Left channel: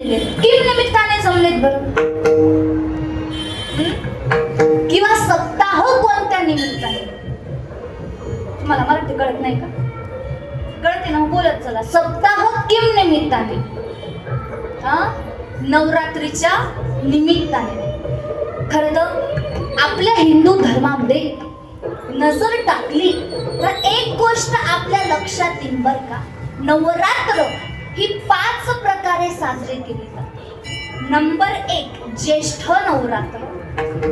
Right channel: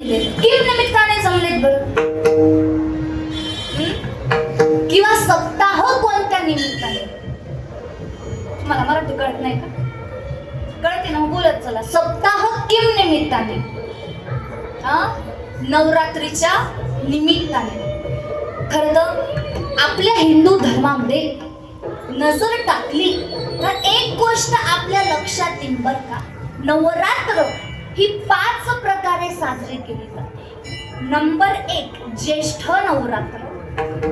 Kim निमित्ताने जमलेत बर. किंवा सप्ताह कोणत्या निमित्ताने तुम्हाला मराठी कळत नाही का? कळते ना बोलत चला. सप्ताह किम निमित्ताने हा? नवरात्रीच्या निमित्ताने खर तर आपल्या हिंदू धर्मामध्ये नजर टाकली तर एक गोष्ट आपल्या लक्षात येईल बर का. नवरात्र ही पाच प्रकारे साजरी केली जाते. नंबर एक ज्येष्ठ नवरात्र.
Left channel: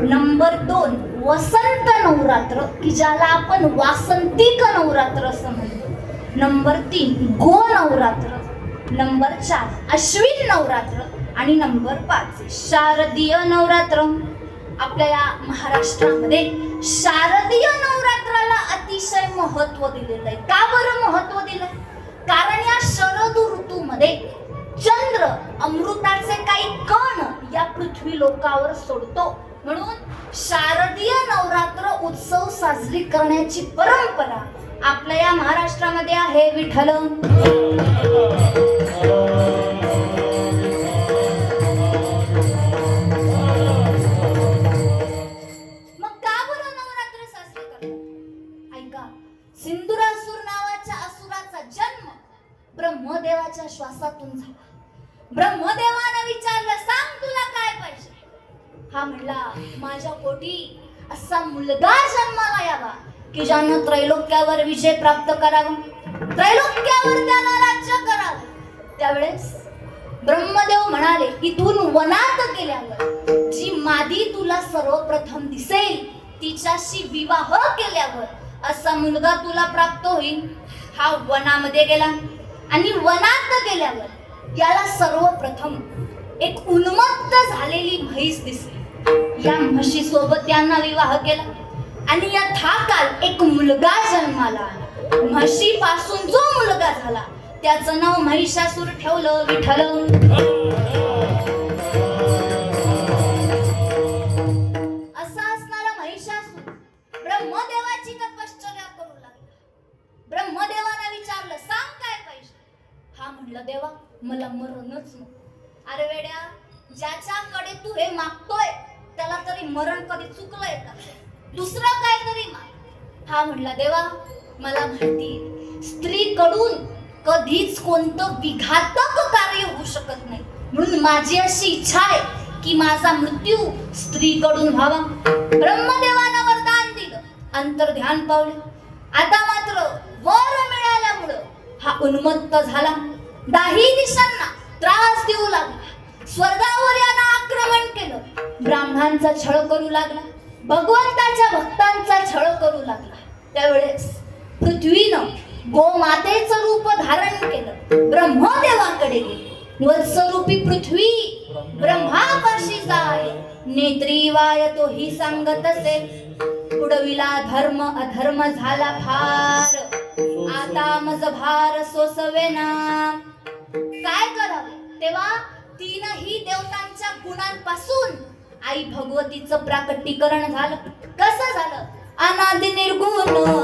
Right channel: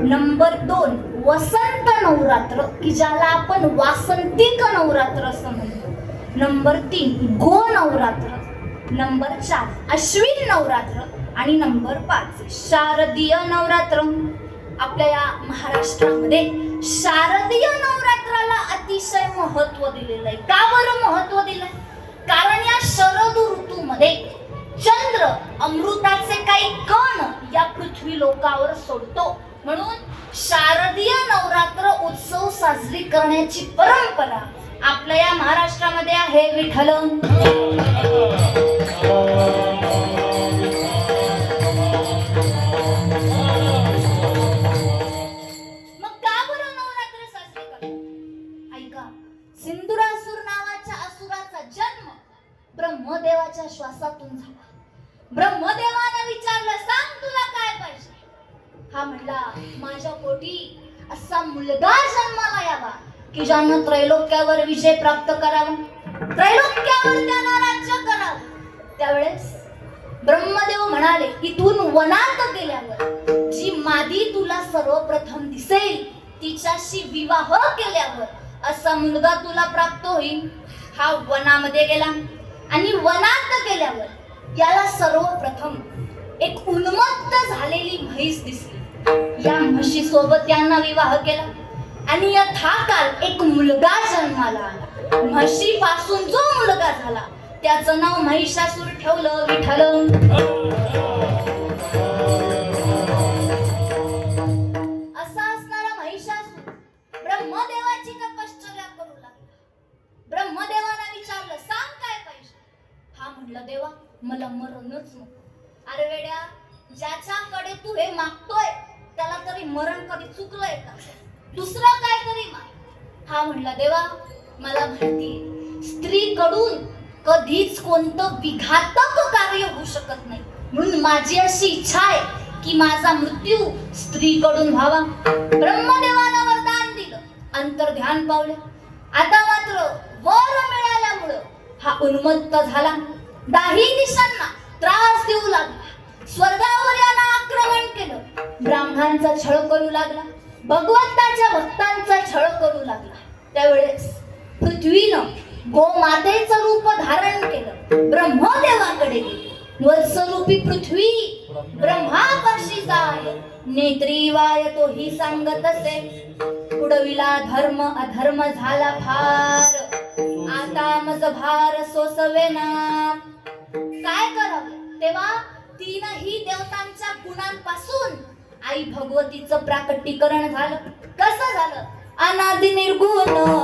नंबर दोन वसंत नवरात्र की ज्याला आपण वासंतिक नवरात्र असं म्हणतो. नंबर तीन गो नवरात्र. नंबर चार अश्विन नवरात्र. आणि नंबर पाच शारदीय नवरात्र. आपल्या या महाराष्ट्रामध्ये शारदीय नवरात्राला अतिशय महत्त्व दिलेलं आहे. का बरं महत्त्व दिलंय कारण या शरद ऋतूमध्ये चंद्र अमृताचे काही कण या पृथ्वी लोकावर सोडतो. म्हणून शारदीय नवरात्र उत्सव साजरी करण्याची परंपरा आपल्या या महाराष्ट्रामध्ये आहे विठ्ठल. त्यावेळेस ब्रह्मदेव म्हणाले इथून वनात गेल्यावर जी मादी तुला सर्वप्रथम दिसेल तिच्याशी विवाह केल्यावर असा मुलगा तुला प्राप्त होईल. हा वनामध्ये गेला. आणि वनात गेल्यावर याला सर्वप्रथम एक उन्मत्त झालेली म्हैस दिसली. या म्हशी सोबत त्यांना विवाह केला. आणि यथाकाल एक मुलगा जन्माला म्हशी पासून जो मुलगा झाला त्याचं नाव महिषासूर ठेवलं विठ्ठल. महिषासूर ब्रह्मदेवाची करू लागला. विचारलं सांग काय पाहिजे हा देवा मला मरणच नको. अरे वेड्या ज्याच्याकडे तू हे मागतोय त्याला तरी मरण कधी चुकलंय का? दुसरं काय तरी माग. हा म्हणला देवा मला माहिती स्त्रीकडून कधीच कोणतं विघातक कार्य होऊ शकत नाही. म्हणून माझी अशी इच्छा आहे की माझा मृत्यू स्त्रीकडून व्हावा. ब्रह्मदेवानं वरदान दिलं. अंतर ध्यान पावलं. आता मात्र वर मिळाल्यामुळं हा उन्मत्त झाला. दाही दिशांना त्रास देऊ लागला. स्वर्गावर यानं आक्रमण केलं. ब्राह्मणांचा छळ करू लागला. भगवंताच्या भक्तांचा छळ करू लागला. त्यावेळेस पृथ्वीनं गोमातेचं रूप धारण केलं. ब्रह्मदेवाकडे वत्सरूपी पृथ्वी ब्रह्माकर्षी जाय. नेत्री वाय तो ही सांगत असे. उडविला धर्म अधर्म झाला फार. आता मज भार सोसवेना काय करावं? तेव्हा तीनही देवतांच्या गुणांपासून आई भगवतीचं प्राकटीकरण झालं. कसं झालं? अनादि निर्गुण.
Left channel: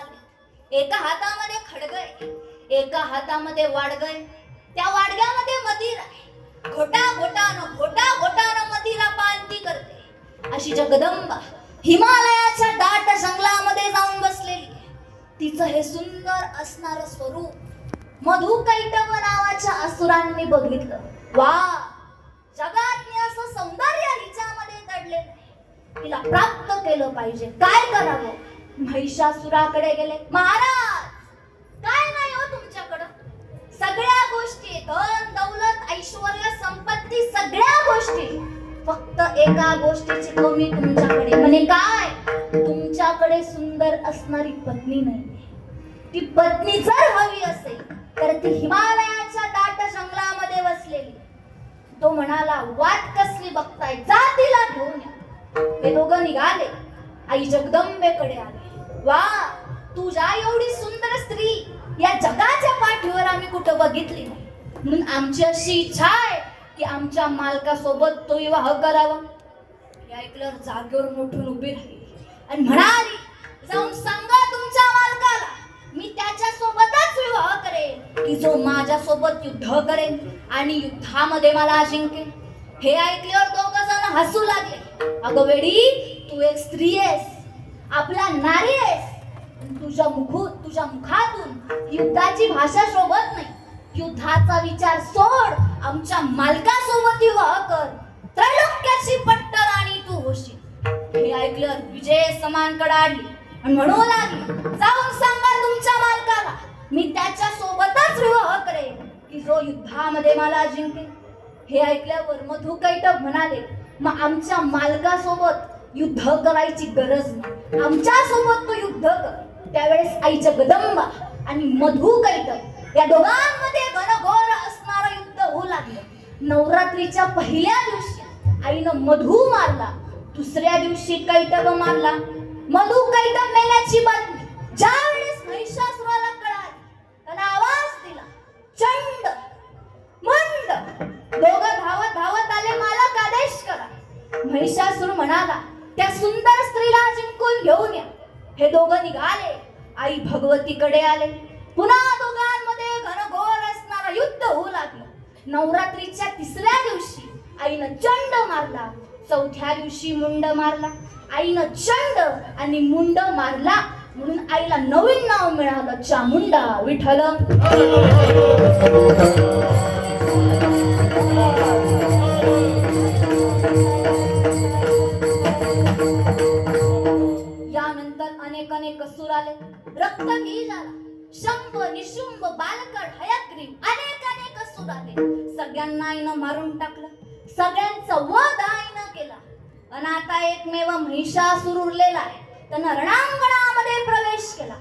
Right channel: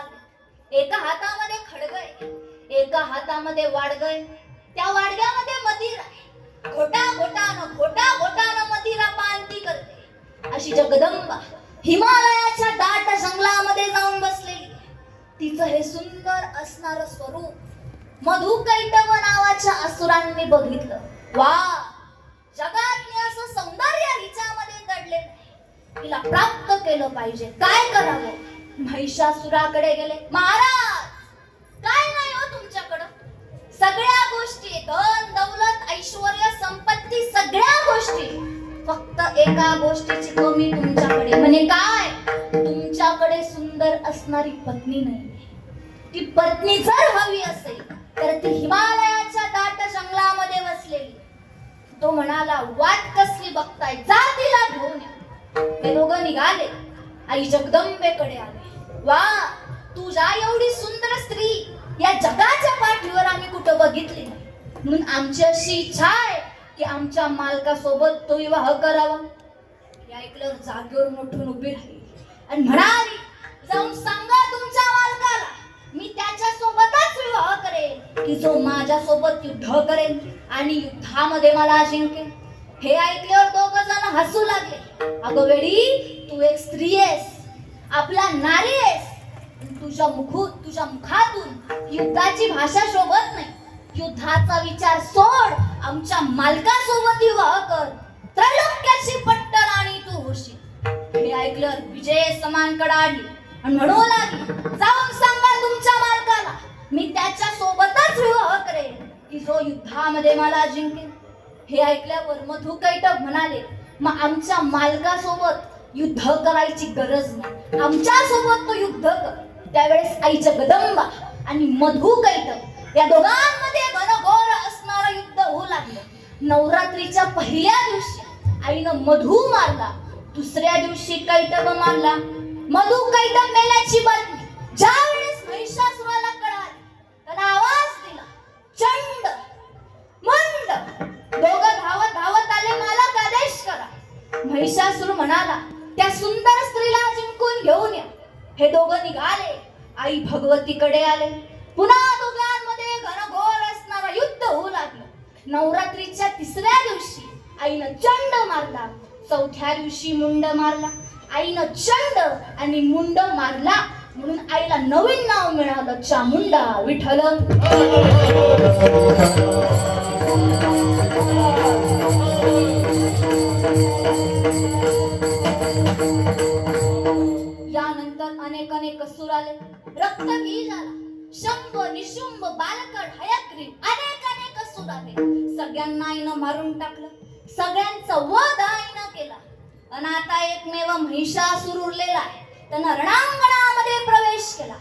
समान एका हातामध्ये खडगय एका हातामध्ये वाडगय त्या वाडग्यामध्ये मदिर आहे. घोटा घोटानं घोटा घोटानं मदिरा पानती करते. अशी जगदंबा हिमालयाच्या दाट जंगलामध्ये जाऊन बसलेली. तिचं हे सुंदर असणार स्वरूप मधु कैटव नावाच्या असुरांनी बघितलं. वा! जगात मी असं सौंदर्य हिच्यामध्ये दडले नाही तिला प्राप्त केलं पाहिजे. काय करावं? महिषासुराकडे गेले. महाराज काय नाही हो तुमच्याकडं? सगळ्या गोष्टी धन दौलत ऐश्वर संपत्ती सगळ्या गोष्टी. फक्त एका गोष्टीची कमी तुमच्याकडे. म्हणे काय? तुमच्याकडे सुंदर असणारी पत्नी नाही. ती पत्नी जर हवी असेल तर ती हिमालयाच्या दाट जंगलामध्ये बसलेली तो म्हणाला वाट कसली बघताय? जा तिला घेऊन या. हे दोघं निघाले. आई जगदंबेकडे आले. वा तुझ्या एवढी सुंदर स्त्री या जगाच्या पाठीवर आम्ही कुठं बघितली? म्हणून आमची अशी इच्छा आहे की आमच्या मालकासोबत तो विवाह करावा. हे ऐकल्यावर जागेवर मोठून उभी राहिली. आणि म्हणाली जाऊन सांगा तुमच्या मालकाला मी त्याच्या सोबतच विवाह करेन की जो माझ्या सोबत युद्ध करेन आणि युद्धामध्ये मला जिंकेल. हे ऐकल्यावर दोघ जण हसू लागले. अगं वेडी तू एक स्त्री आहेस. आपला नारी आहेस. तुझ्या मुखूत तुझ्या मुखातून युद्धाची भाषा शोभत नाही. युद्धाचा विचार सोड आमच्या मालकासोबत विवाह कर. त्रैलोक्याची आणि तू होशील. हे ऐकलं विजय समानकडे आली आणि म्हणू लागली जाऊन सांगा तुमच्या मालकाला मी त्याच्या सोबतच विवाह करेन की जो युद्धामध्ये मला जिंकेल. हे ऐकल्यावर मधु कैटभ म्हणाले मग आमच्या मालकासोबत युद्ध करायची गरज नाही. आमच्यासोबत तो युद्ध कर. त्यावेळेस आईच्या गदंबा आणि मधु कैटभ या दोघांमध्ये घनघोर असणारा युद्ध होऊ लागलं. नवरात्रीच्या पहिल्या दिवशी आईनं मधु मारला. दुसऱ्या दिवशी कैटब मारला. मधु कैटब मेल्याची बातमी. ज्या वेळेस महिषासुराला कळाली त्याला आवाज दिला. चंड मंड. दोघं धावत धावत आले मला आदेश करा. महिषासुर म्हणाला त्या सुंदर स्त्रीला जिंकून घेऊन या. हे दोघं निघाले. आई भगवतीकडे आले. पुन्हा दोघांमध्ये घनघोर असणारा युद्ध होऊ लागलं. नवरात्रीच्या तिसऱ्या दिवशी आईनं चंड मारला. चौथ्या दिवशी मुंड मारला. आईनं चंड आणि मुंड मारला म्हणून आईला नवीन नाव मिळालं. चामुंडा विठ्ठल. यानंतर रक्तबीज आला शंभ निशुंभ बालकड हयग्रीव अनेक अनेक सूर आले सगळ्यांना आईनं मारून टाकलं. सगळ्यांचं वध आईनं केला. आणि आता एकमेव महिषासूर उरलेला आहे. त्यानं रणांगणामध्ये प्रवेश केला.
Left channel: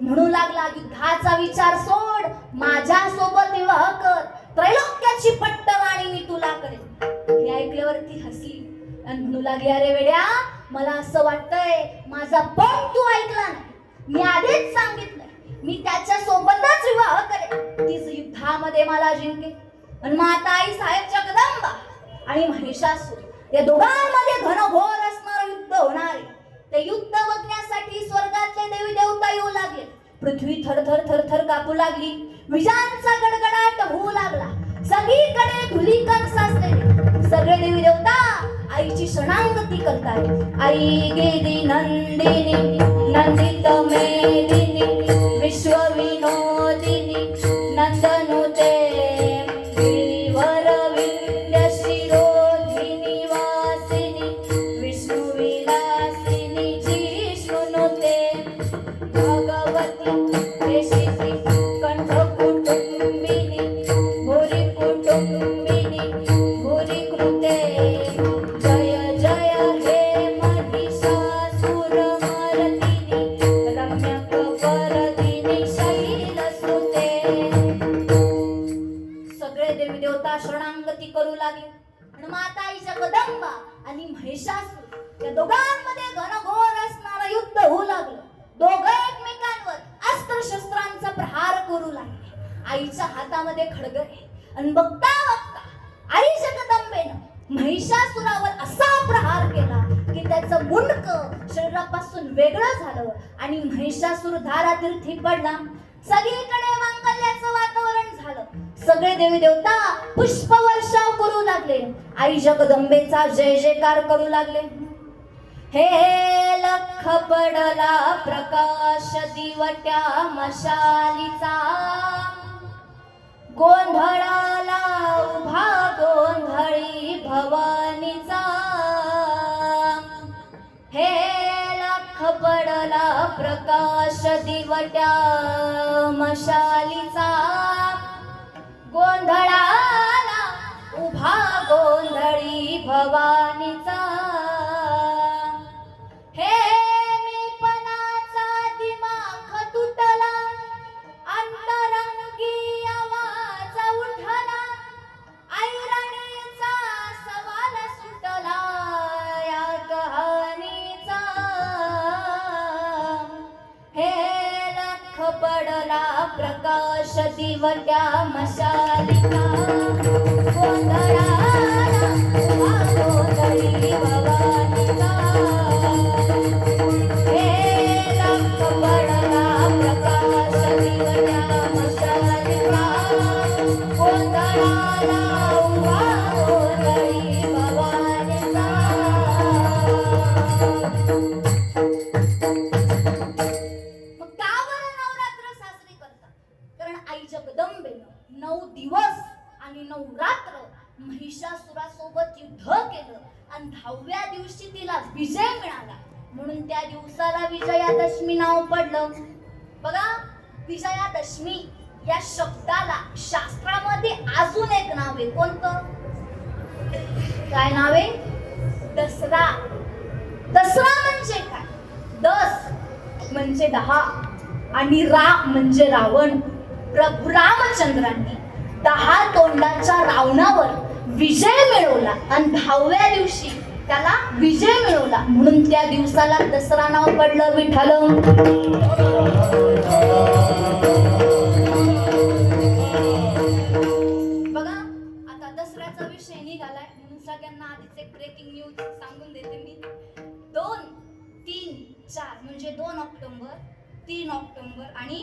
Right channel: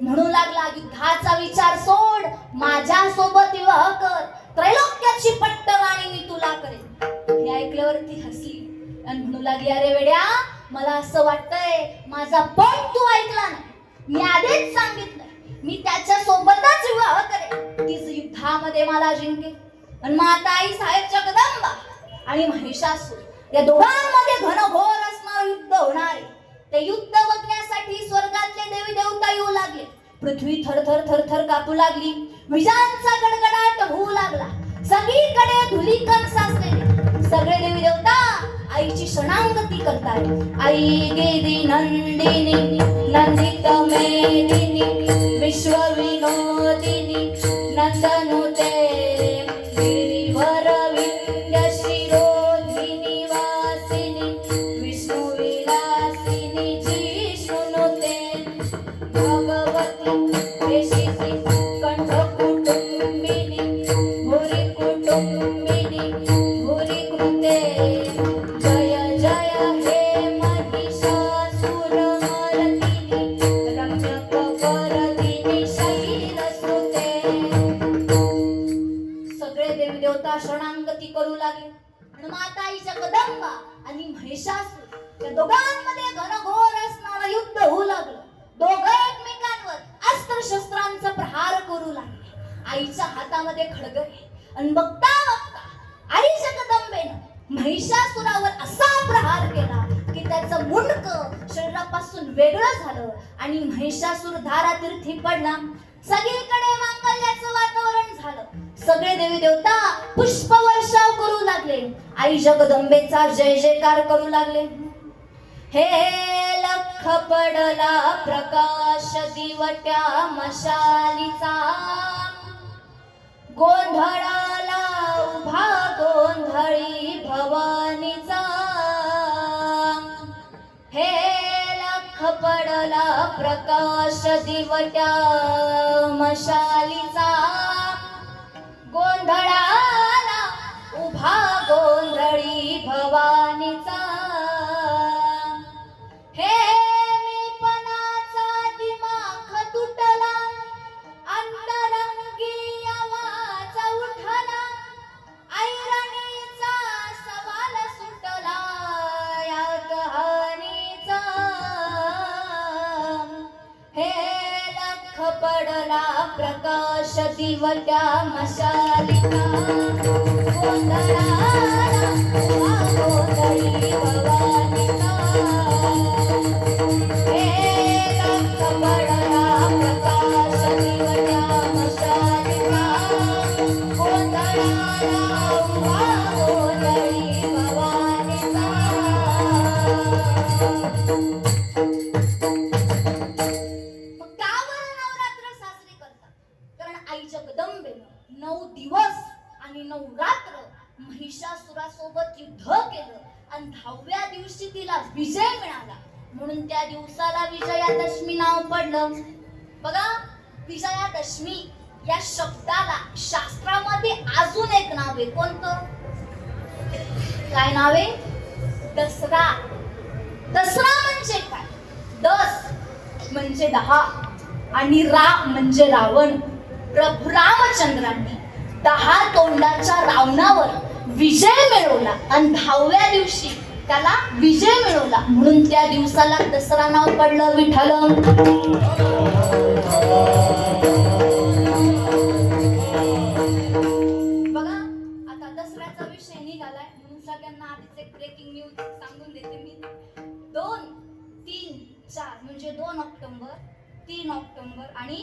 म्हणू लागला युद्धाचा विचार सोड. माझ्या सोबत विवाह कर. त्रैलोक्याची पट्टवाणी मी तुला करेन. हे ऐकल्यावरती हसली. आणि म्हणू लागली अरे वेड्या मला असं वाटतंय माझा पण तू ऐकला नाही. मी आधीच सांगितलं मी त्याच्या सोबतच विवाह करेन. तीच युद्धामध्ये मला जिंकेल. आणि माता आई साहेब जगदंबा आणि महिषासूर या दोघांमध्ये घनघोर असणार युद्ध होणार ते युद्ध बघण्यासाठी स्वर्गातले देवी देवता येऊ लागले. पृथ्वी थरथर थरथर कापू लागली. विजांचा गडगडाट होऊ लागला. सगळीकडे धुलीकण साचलेले. सगळे देवी देवता आईची शरणागती करतात आई गेली नंदिनी नंदित आईच्या हातामध्ये खडग आहे. आणि बघता बघता आई जगदंबेनं महिषासुरावर असा प्रहार केला की त्याचं मुंडक शरीरापासून वेगळं झालं आणि महिषासूर धारातीर्थी पडला सगळीकडे मांगल्याचं वातावरण झालं. सगळे देवी देवता पुष्प वर्षाव करू लागले. आई जगदंबेचा जय जयकार करू लागले. हे लख पडला प्रकाश दिवट्या मशालीचा. गोंधळाला उभा गोंधळी भवानीचा. हे लख पडला प्रकाश दिवट्या मशालीचा. पडला प्रकाश दिवट्या मशालिका. गोंधळा उभा कोणतं? काय नाव आहे? दसरा. दसरा म्हणजे काय? दस म्हणजे दहा आणि रा म्हणजे रावण. प्रभू रामचंद्रांनी दहा तोंडाच्या रावणावर विजय मिळवला आणि दहाव्या दिवशी त्याला विजय मिळवला. म्हणून त्या दिवसाला दसरा नाव पडलं विठ्ठल. तीन ऑक्टोबर आणि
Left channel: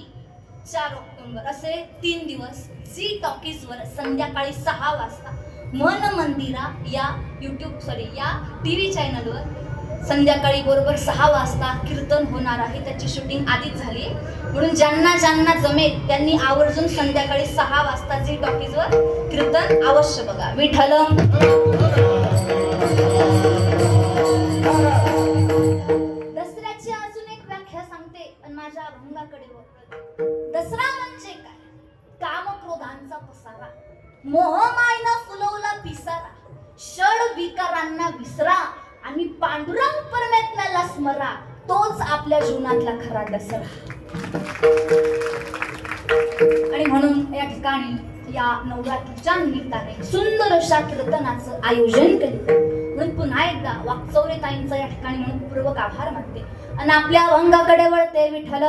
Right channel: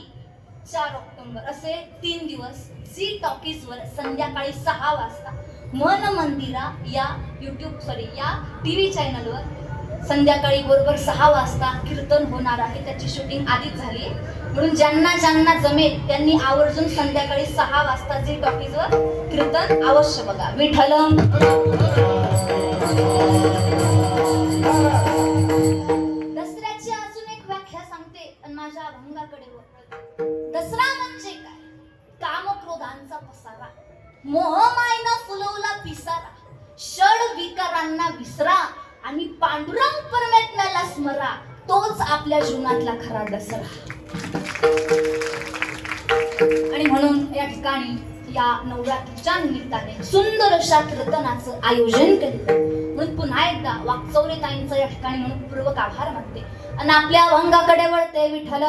चार ऑक्टोबर. असे तीन दिवस झी टॉकीजवर संध्याकाळी सहा वाजता मन मंदिरा या यूट्यूब सॉरी या टी व्ही चॅनलवर संध्याकाळी बरोबर सहा वाजता कीर्तन होणार आहे. त्याची शूटिंग आधीच झाली म्हणून ज्यांना ज्यांना जमेल त्यांनी आवर्जून संध्याकाळी सहा वाजता झी टॉकीजवर कीर्तन अवश्य बघा. विठ्ठलम. माझ्या अभंगाकडे दसरा म्हणजे काय? कामक्रोधांचा पसारा. मोहमायना फुलवला पिसारा. षड विकारांना विसरा आणि पांडुरंग परमात्म्याला स्मरा. तोच आपल्या जीवनातला खरा दसरा. आणि म्हणून या ठिकाणी या नवरात्रीच्या निमित्ताने सुंदर अशा कीर्तनाचं आयोजन केलं पुन्हा एकदा वाकचौरे ताईंचं या ठिकाणी म्हणून पूर्वक आभार म्हणते आणि आपल्या अवंगाकडे वळते विठ्ठल